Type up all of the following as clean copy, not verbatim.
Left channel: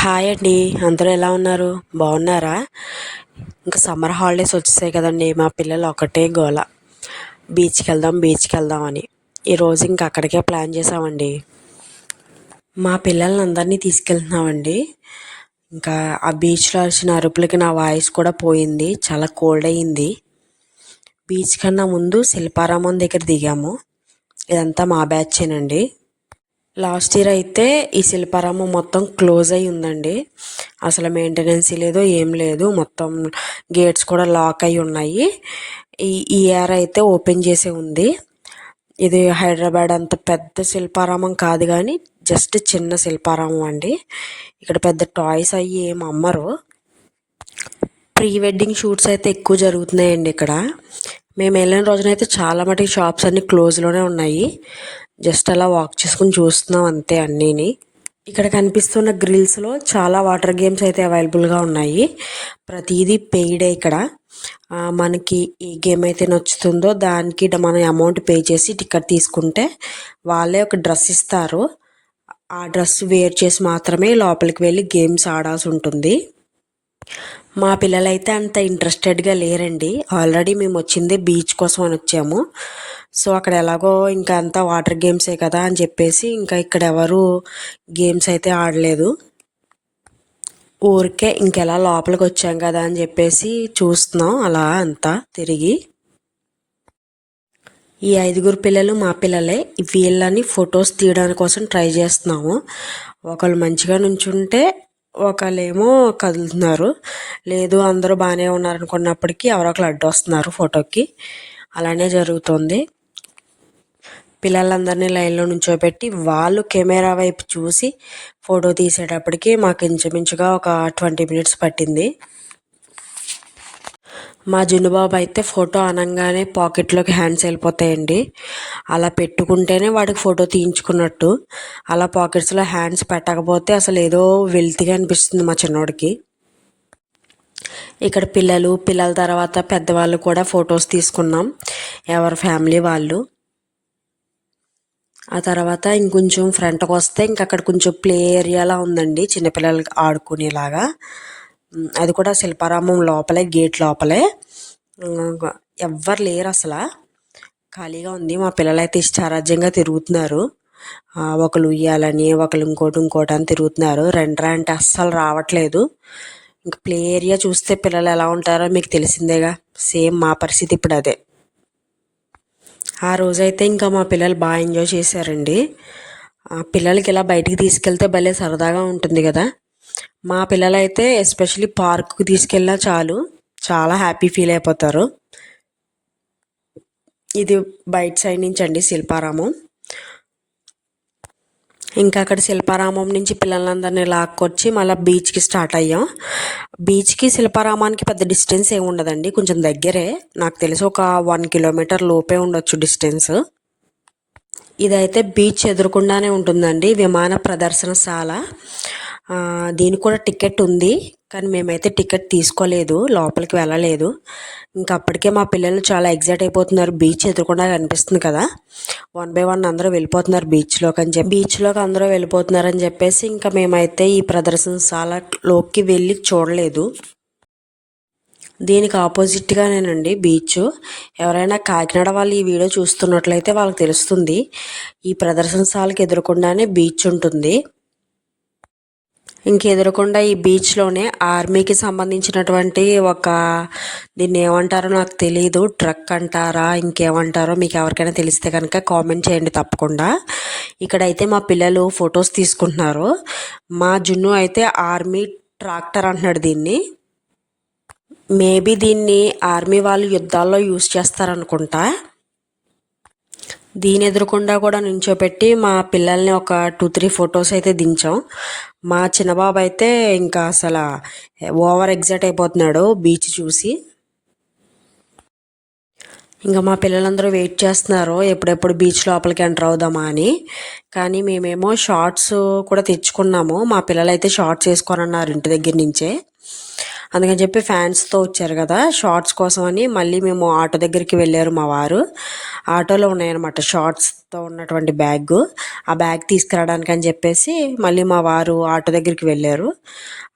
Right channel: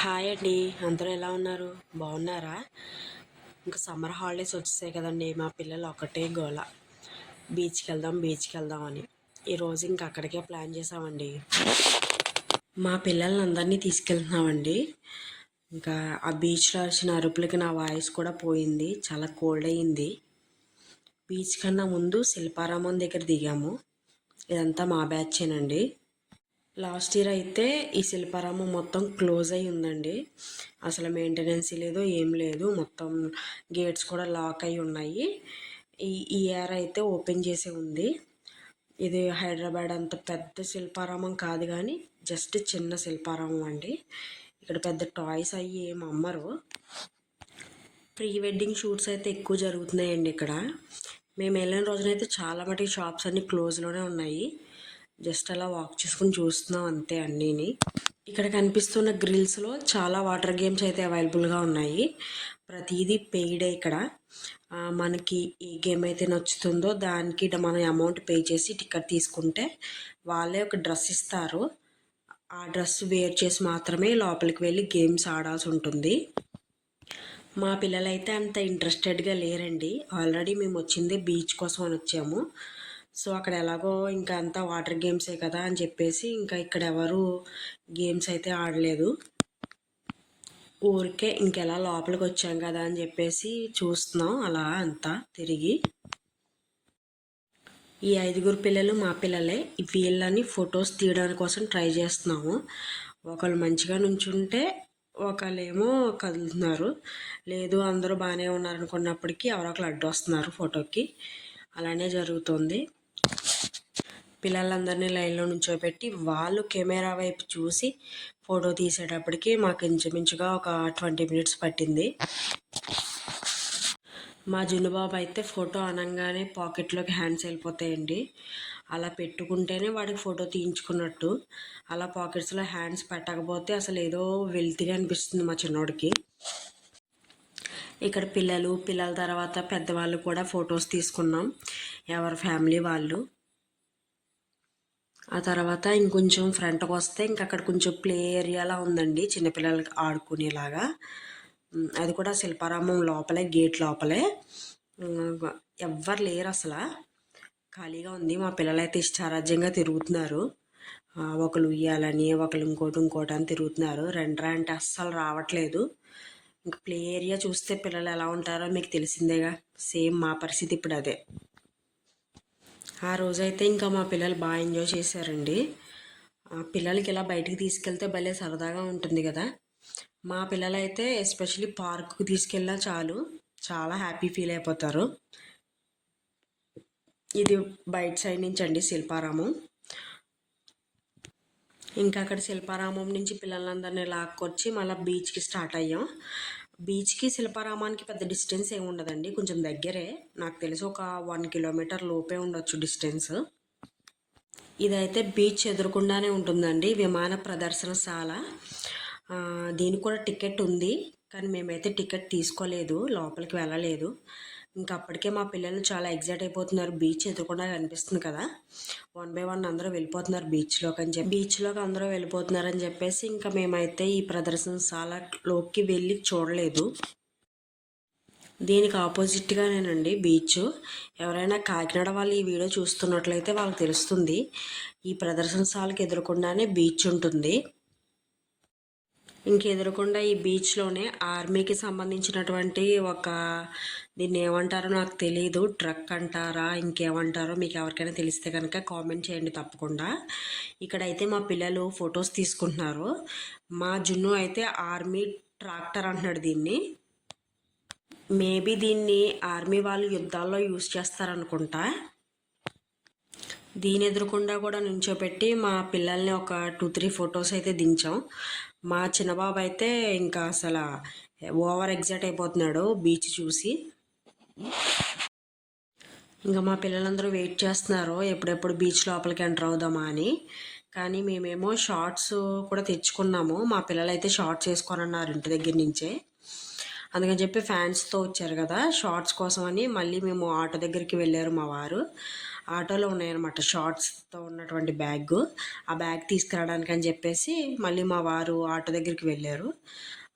Hi అండి. అందరూ ఎలా ఉన్నారు? బాగున్నారా? ఇంకా సమ్మర్ హాలిడేస్ వచ్చేసాయి కదండి. మా పిల్లలు ఒకటే గోల, బీచ్కి వెళ్దాం అని. ఈరోజు ఇంకా అక్కడికే ప్లాన్ చేసామండి. మా పిల్లల్ని అందరినీ తీసుకెళ్తున్నామండి. ఇంకా ఆ బీచ్లో అరిచిన అరుపులకి నా వాయిస్ కూడా పోయింది, చాలా కోల్డ్ అయ్యింది. బీచ్ కన్నా ముందు శిల్పారామం దగ్గర దిగాము. ఇదంతా మా బ్యాచేనండి. లాస్ట్ ఇయర్ అయితే ఈ శిల్పారామం మొత్తం క్లోజ్ అయి ఉందండి. అసలు మెయింటెనెన్స్ లేదు, ఏం లేదు. మొత్తం గేట్స్ కూడా లాక్ అయి ఉన్నాయి. ఈ ఇయర్ అయితే ఓపెన్ చేసే ఉంది. ఇది హైదరాబాద్ అంత పెద్ద శిల్పారామం కాదు, కానీ జస్ట్ చిన్న శిల్పారామం అండి. ఇక్కడ పెద్ద టాయ్స్ అయ్యి ఏం అమ్మరు. ప్రీ వెడ్డింగ్ షూట్స్ అయితే ఎక్కువ జరుగుతున్నాయండి ఇక్కడ. మేము వెళ్ళిన రోజునైతే చాలా మటుకు షాప్స్ అన్నీ క్లోజ్లోనే ఉన్నాయి. జస్ట్ అలా వాక్ చేసుకుని చూస్తున్నాం అంతే అన్నీని. ఇక్కడ కనిపిస్తున్న గ్రిల్స్లో చాలా వాటర్ గేమ్స్ అయితే అవైలబుల్గా ఉన్నాయి. ప్రతిదీ పెయిడే ఇక్కడ. మనకి ఏ గేమ్ అయితే నచ్చుతుందో దానికి మనం అమౌంట్ పే చేసి టికెట్ తీసుకుంటే వాళ్ళే ఒక డ్రెస్ ఇస్తారు. ఆ డ్రెస్ వేర్ చేసి మాత్రమే లోపలికి వెళ్ళి గేమ్స్ ఆడాల్సి ఉంటుంది. మా పిల్లలైతే అంత ఇంట్రెస్టెడ్గా లేరండి. ఆల్రెడీ మేము వచ్చిందే బీచ్ కోసం అని వచ్చాము. సో అక్కడ ఎలాగో ఇంకా అంతా వాటర్ గేమ్సే కదా అని చెప్పేసి ఇంకా ఇక్కడ ఎవరు గేమ్స్ అయితే ఆడలేదు. ఊరికే ఇంకెలా లోపలికి వచ్చాం కదా అని చెప్పేసి చూస్తున్నాం అలా అంతా తిరిగి. ఈ 5 పిల్లలు మా పిల్లలే. వీళ్ళని ఫొటోస్ తీయడానికి కోసం ట్రై చేస్తున్నాము. ఒకళ్ళు మంచిగా నుంచుంటే ఒకళ్ళేమో కదులుతున్నారు. లేదు అందరూ బాగానే ఉన్నారు అనుకున్నప్పటికీ ఎవరో ఒకరు అడ్డు వస్తున్నారు ఫోటోకి. అలానే జరుగుతుంది. పిల్లలందరినీ లైన్లో నుంచోబెట్టి వాళ్ళు కెమెరా వైపు చూసి ఫోటో తీసేటప్పటికి మాకు ఇంచుమించుగా ఒక 20 మినిట్స్ పట్టింది. మా జున్నుబాబు అయితే ఫోటో అనగానే పాకెట్లోకి హ్యాండ్స్ వెళ్ళిపోతాయండి. అలా పెట్టుకుంటేనే వాడికి ఫోటో తీయించుకున్నట్టు. అలా పాకెట్స్లో హ్యాండ్స్ పెట్టకపోతే అసలు ఏదో వెల్తిగా అనిపిస్తుంది మా చిన్నోడికి. ఇక్కడ పిల్లల తర్వాత పెద్దవాళ్ళు కూడా ఫొటోస్ తీసుకున్నాం, ఎవరి ఫ్యామిలీ వాళ్ళు. ఆ తర్వాత ఇంకొంచెం ఫ్రంట్కి వస్తే ఇంక అక్కడ కొంచెం ప్లే ఏరియాలా ఉందండి, చిన్నపిల్లలకి ఆడుకునేలాగా. అది కూడా శిల్పారామం లోపలే, గేట్ లోపలే. ఎవ్వరు లేరు అసలు, ఖాళీగా ఉంది. మా పిల్లలైతే ఇష్టారాజ్యంగా తిరుగుతున్నారు. ఒకరు ఉయ్యాలని, ఒకరు ఇంకోటి అని తిరుగుతున్నారు. రెండ్రా అంటే అస్సలు రావట్లేదు. ఇంకా ప్లే ఏరియా చూస్తే పిల్లలు ఎలా ఉంటారో మీకు తెలిసిందేగా. సేమ్ మా పరిస్థితి ఇప్పుడు అదే. ఆ రోజైతే ఇంకా మా పిల్లలు బాగా ఎంజాయ్ చేశారండి. పిల్లలకి ఇలా బయటికి తీసుకెళ్తే భలే సరదాగా ఉంటుంది కదా. మా పిల్లలైతే ఎస్పెషలీ పార్క్కి తీసుకెళ్ళినా చాలు, చాలా హ్యాపీ ఫీల్ అయిపోతారు. ఇది బయట సైడ్ నుంచి అండి శిల్పారామం. ఇంకా అక్కడ శిల్పారామం నుంచి పిల్లలందరినీ లాక్కొచ్చి మళ్ళీ బీచ్కి స్టార్ట్ అయ్యాం. బీచ్కి శిల్పారామానికి పెద్ద డిస్టెన్స్ ఏమి ఉండదండి, కొంచెం దగ్గరే. నాకు తెలిసి ఒక 1 కిలోమీటర్ లోపే ఉండొచ్చు డిస్టెన్స్. ఇదైతే బీచ్ ఎదురుకుండానే ఉంటుందండి, విమాన ప్రదర్శనశాల. దీనికి కూడా టికెట్ ఉంది, కానీ మేమైతే టికెట్ తీసుకోలేదు, లోపలికి వెళ్ళలేదు. ఇంకా అప్పటికే మా పిల్లలు చాలా ఎగ్జైట్ అయిపోతున్నారు. బీచ్ ఎదురుకుండా కనిపిస్తుంది కదా, 1 by 1 అందరూ వెళ్ళిపోతున్నారు బీచ్లోకి అందరూ వెళ్ళిపోతున్నారని చెప్పేసి ఇంకా మేమైతే ఈ ప్రదర్శనశాలలోకి వెళ్ళి చూడలేదు. దీనికి ఆపోజిట్గానేనండి బీచ్. ఎవరైనా కాకినాడ వాళ్ళు ఈ వీడియో చూస్తున్నట్లయితే వాళ్ళకి తెలుస్తుంది. ఈ ప్రదర్శనశాలకు ఎదురుకుండానే బీచ్ ఉంటుంది. ఇంకెదురకుండా ఈ బీచ్లోనే ఆర్మీకి సంబంధించినటువంటి దీన్ని ఏమంటారో నాకు తెలీదు, ట్రక్ అంటారా ఇంకేమంటారో, మీకు ఎవరికైనా తెలిస్తే కనుక కామెంట్ చేయండి తప్పకుండా. ఇక్కడైతే మా పిల్లలు ఫొటోస్ తీసుకుంటున్నారు. మా జున్ను అయితే ఆర్మీ ట్రాక్టర్ అంటున్నాడు దీన్ని. మేబీ దీన్ని ఆర్మీ వాళ్ళు యుద్ధాల్లో యూజ్ చేస్తారనుకుంటా. దీని ఎదురుకుండా కూడా నుంచోపెట్టి మా పిల్లల్ని ఒక 2-3 ఫొటోస్ అయితే దించాం. మా చిన్నబాబు అయితే ఇంకా అసలు ఓవర్ ఎగ్జైట్ అయిపోతున్నాడు బీచ్ చూసి. ఇంకా మా పిల్లలందరూ వెయిట్ చేస్తున్నారు ఎప్పుడెప్పుడు బీచ్ లోపలికి ఎంటర్ అవుదామా అని. కానీ మేమేమో షార్ట్స్ కూడా తెచ్చుకున్నాము. మా పిల్లలు అయితే షార్ట్స్ వేసుకోనన్నారు ఇంటి దగ్గర నుంచే. అందుకని చెప్పి ఫ్యాన్స్తో వచ్చారు కదా, షార్ట్స్ కోసం అని మళ్ళీ మేము ఆటో దగ్గరికి వెళ్ళారు మా వారు. ఆటోలో ఉన్నాయన్నమాట షార్ట్స్తో ఉన్నటువంటి బ్యాగ్. ఆ బ్యాగ్ తీసుకురావడానికి అని చెప్పేసి మళ్ళీ మా వారు ఆటో దగ్గరికి వెళ్ళారు.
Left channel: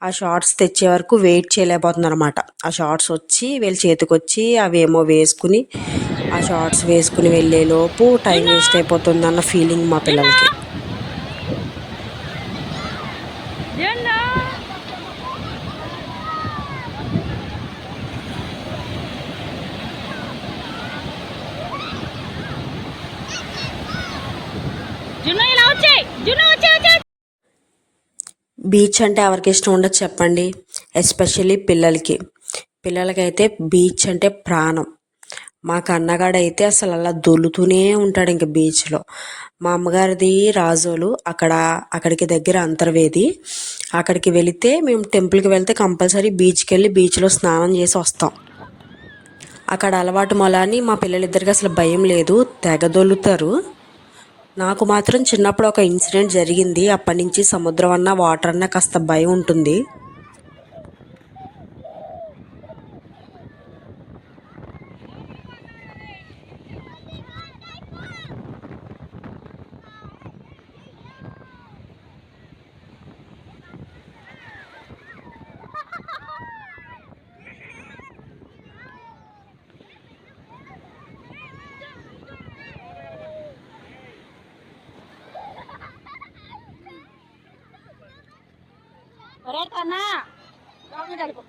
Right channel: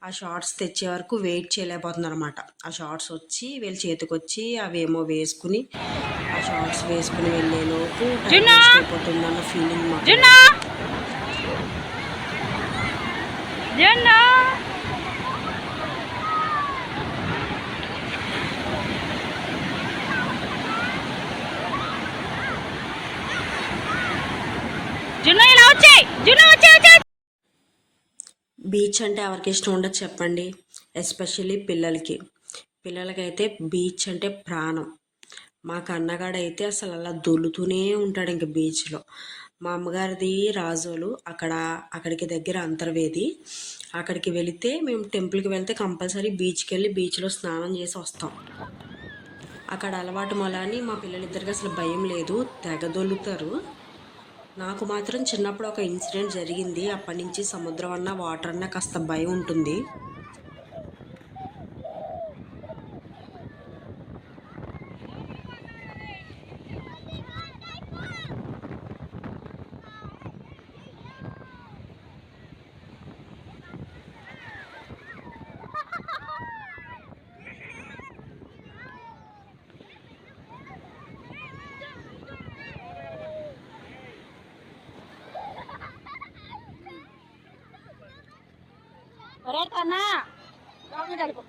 ఆ షార్ట్స్ తెచ్చే వరకు వెయిట్ చేయలేకపోతుంది అనమాట. ఆ షార్ట్స్ వచ్చి వీళ్ళ చేతికి వచ్చి అవి ఏమో వేసుకుని, ఆ షార్ట్స్ వేసుకుని వెళ్ళేలోపు టైం వేస్ట్ అయిపోతుంది అన్న ఫీలింగ్ మా పిల్లలకి. బీచ్ అంటే ఎవరికి ఇష్టం ఉండదు చెప్పండి, ఎస్పెషల్లీ పిల్లలకి. పిల్లలకైతే బీచ్ అంటే ప్రాణం. మా కన్నగాడైతే అసలు అలా దొల్లుతూనే ఉంటాడు ఇంక బీచ్లో. మా అమ్మగారిది రాజోలు, అక్కడికి దగ్గర అంతర్వేది. అక్కడికి వెళితే మేము టెంపుల్కి వెళ్తే కంపల్సరీ బీచ్కి వెళ్ళి బీచ్లో స్నానం చేసి వస్తాం. అక్కడ అలవాటు మొలని మా పిల్లలిద్దరికి అసలు భయం లేదు, తెగ దొల్లుతారు. నాకు మాత్రం చిన్నప్పుడు ఒక ఇన్సిడెంట్ జరిగింది. అప్పటి నుంచి సముద్రం అన్నా వాటర్ అన్నా కాస్త భయం ఉంటుంది. ఒరే కన్నా లోపలికి వెళ్ళిపో.